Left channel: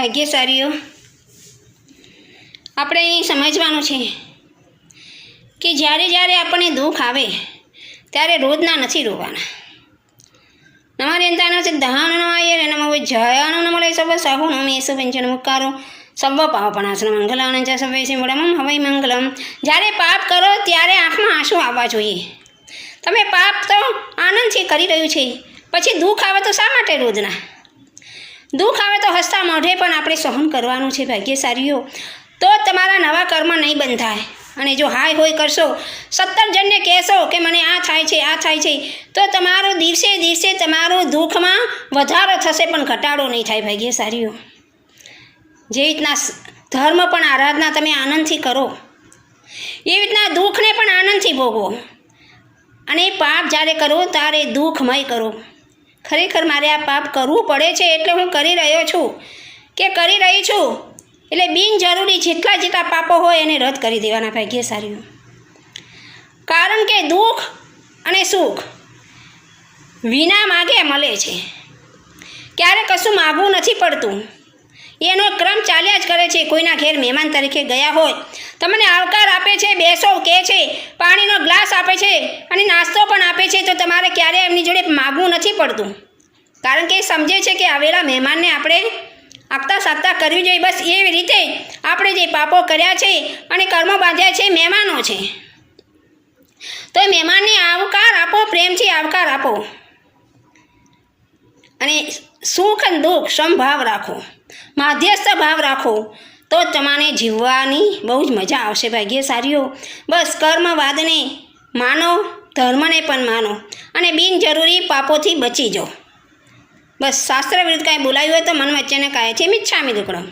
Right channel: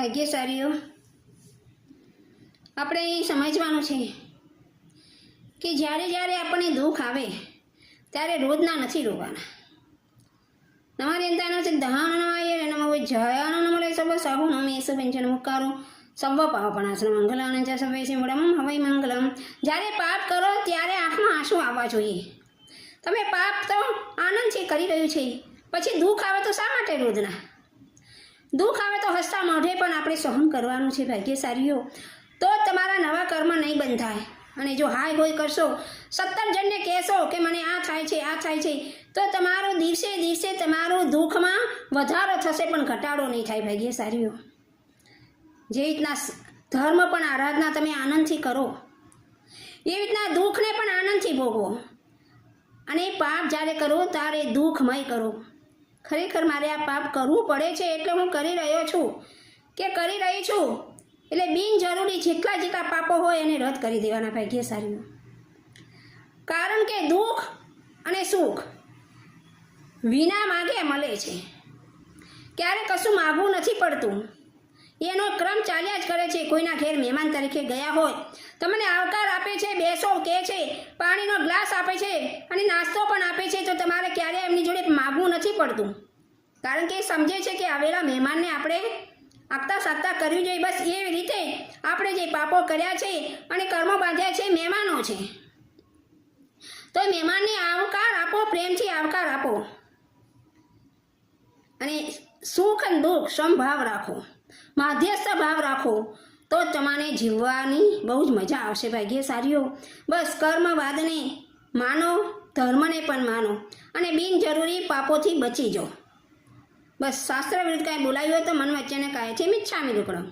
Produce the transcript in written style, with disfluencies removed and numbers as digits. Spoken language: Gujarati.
ભાગ્યશાળીઓ, આપણે અહીં સમજવાનું છે કે જ્યારે જ્યારે આપણને દુઃખ આવે ત્યારે રોજના નથી રોવાના. નમરેન્તાનો છે દહાનો નમાય નમો જયાનો નમલે સર્વ સાહુ નમેસુ વ્યંજન મુકારો સર્વ પાવપણાસન મંગલાનંદ સર્વે સિમુડમ હવૈ મંગલમ. જ્યારે પાપ કરો ત્યારે આંખમાં આંસુ આવવા જોઈએ. તમે પાપ તો આનંદથી કરી રહ્યું છે, પછી દુઃખ આવે તો શા માટે રોજના? દુઃખ આવે તો હસતા મોઢે પણ આપણે સહન કરવાનું છે ભાગ્યશાળીઓ. તો તમારા નવા કર્મ નહીં બંધાય. અને જો હાય હોય કરશો, 17 જણને કહેશો કે મને આ થાય છે આ થાય છે, તો તમારો દિવસે દિવસે તમારું દુઃખમાં વધારો થશે પણ ઘટાડો નહીં થાય ભાગ્યશાળીઓ. જે રીતના ધર્મ પણ આરાધના તમે આનંદથી કરો, એવી રીતના દુઃખને પણ આનંદથી ભોગવો. અને પાપ જ્યારે કરો ત્યારે દુઃખમય કરો. ખરેખર મારે આ પાપ કરવું પડે છે એટલે હું કરી રહ્યો છું કે કરી રહી છું, એટલે બિનજરૂરી જેટલા પાપો હોય એને રદ કરી દેવાના ભાગ્યશાળીઓ. કારણ કે દુઃખ અને સુખ વિના માગે મળે છે. ક્યારે કશું માગવું નથી પડતું, એનો ક્રમ ચાલ્યા જ કરે છે. કોઈના ઘેર મહેમાન તરીકે ગયા હોય, તમને આવકાર આપે છે, બેસો કહે છે, પાણીનો ગ્લાસ આપે છે અને નાસ્તો પણ આપે છે, તો તમારે ક્યારેય એમની જોડે માગવું નથી પડતું. કારણ કે એ સમજે છે કે આવેલા મહેમાનને આપણે આપતા સાપતા કરવી જોઈએ. બસ એવી રીતે આપણે જે પાપો કર્યા છે અને કર્મો બાંધ્યા છે, મહેમાનો છે, તો મહેમાનને આવકાર આપો, પ્રેમથી આવકાર આપો. અને સુખ અને દુઃખ સમભાવ રાખો, માધ્યસ્થ ભાવ રાખો, તો તમારે જીવવાની બહુ જ મજા આવશે ભાગ્યશાળીઓ. બસ કર્મવાદને માનો, ધર્મને પણ માનો અને બિનજરૂરી પાપોથી બચી જાઓ. બસ શાસ્ત્ર વિરુદ્ધ કાંઈ બોલાયું હોય તો મન વચ્ચેને કાંઈથી મિચ્છામી દુક્કડમ.